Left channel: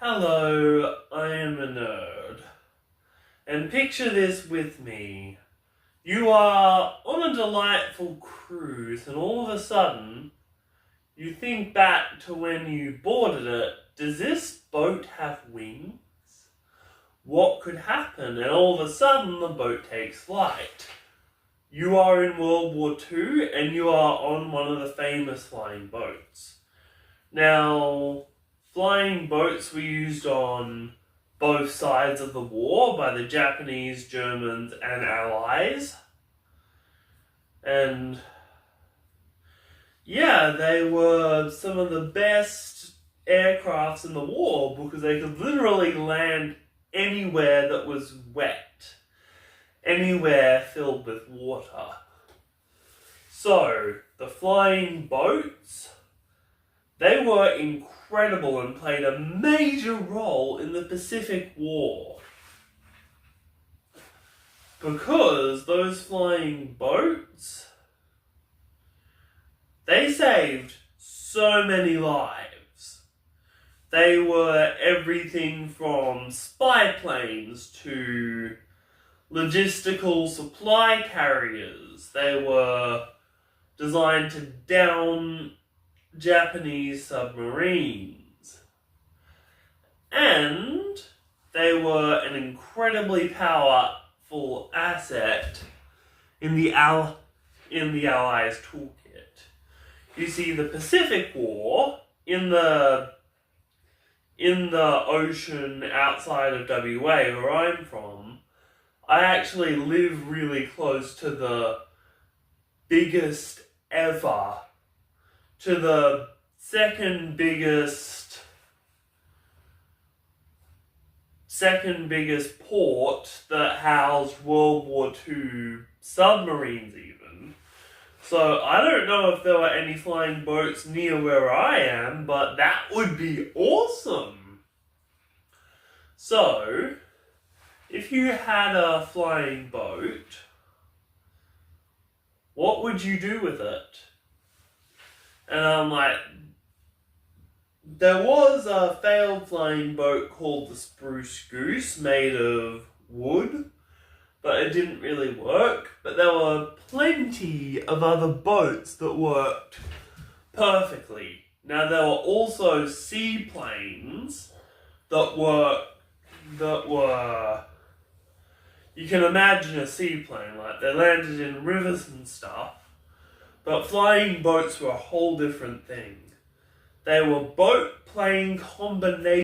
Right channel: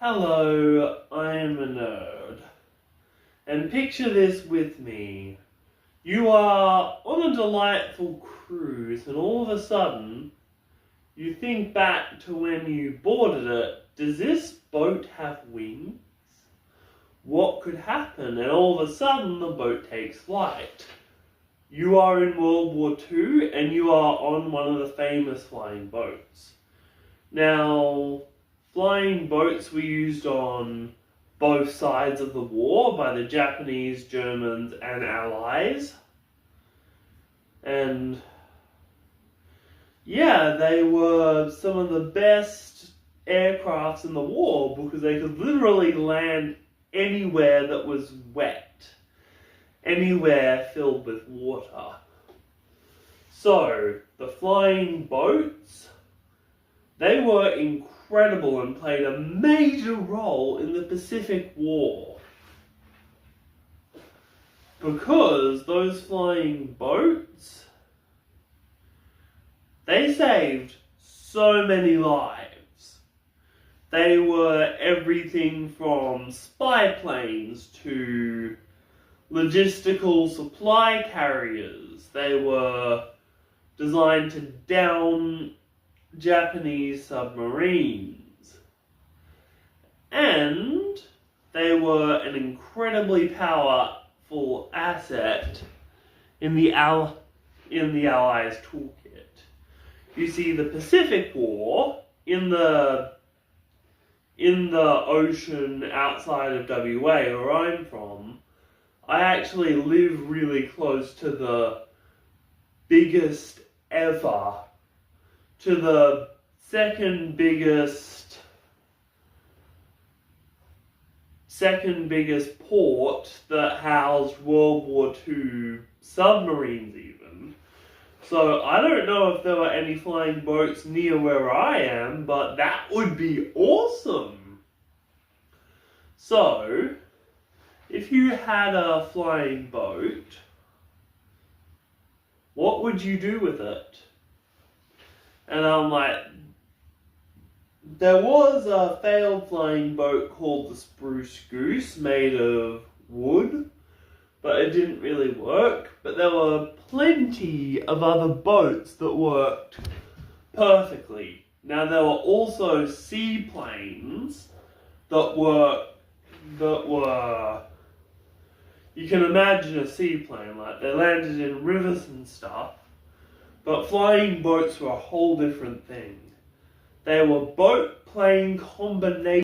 Hello, I am a nerd. And picture this with me. You are on a delightful cruise and all of a sudden, you think back to when you boarded it. Does this boat have wings? What could happen? And all of a sudden, the boat takes flight. You are in World War II and you are on one of the famous flying boats. Now, flying boats were used on both sides of the war by the Japanese, Germans, and Allies. And yeah, they were some of the best aircrafts in the war because they could literally land anywhere that was wet, anywhere filled with water. So, the flying boats, they were incredible and played a major role in the Pacific War. Because those flying boats, they saved so many lives. They were everything from spy planes to logistical supply carriers. They were designed to down Japanese submarines. And they were an incredibly powerful asset in the Allies' toolkit. You see, the Pacific War, in the ocean outside of WA, where I'm from, I actually live really close to the biggest ever, to the second biggest port that housed World War II submarines even. So I don't know if there were any flying boats near where I am, but that would be awesome. So, if you had a flying boat, what would you do with it? And I'm like, there was a failed flying boat called the Spruce Goose made of wood, but it didn't really work. But there were plenty of other boats that worked perfectly. Now there were also seaplanes that were, you can imagine a seaplane, like they landed in rivers and stuff. But flying boats were a whole different thing. They were boat-plane combination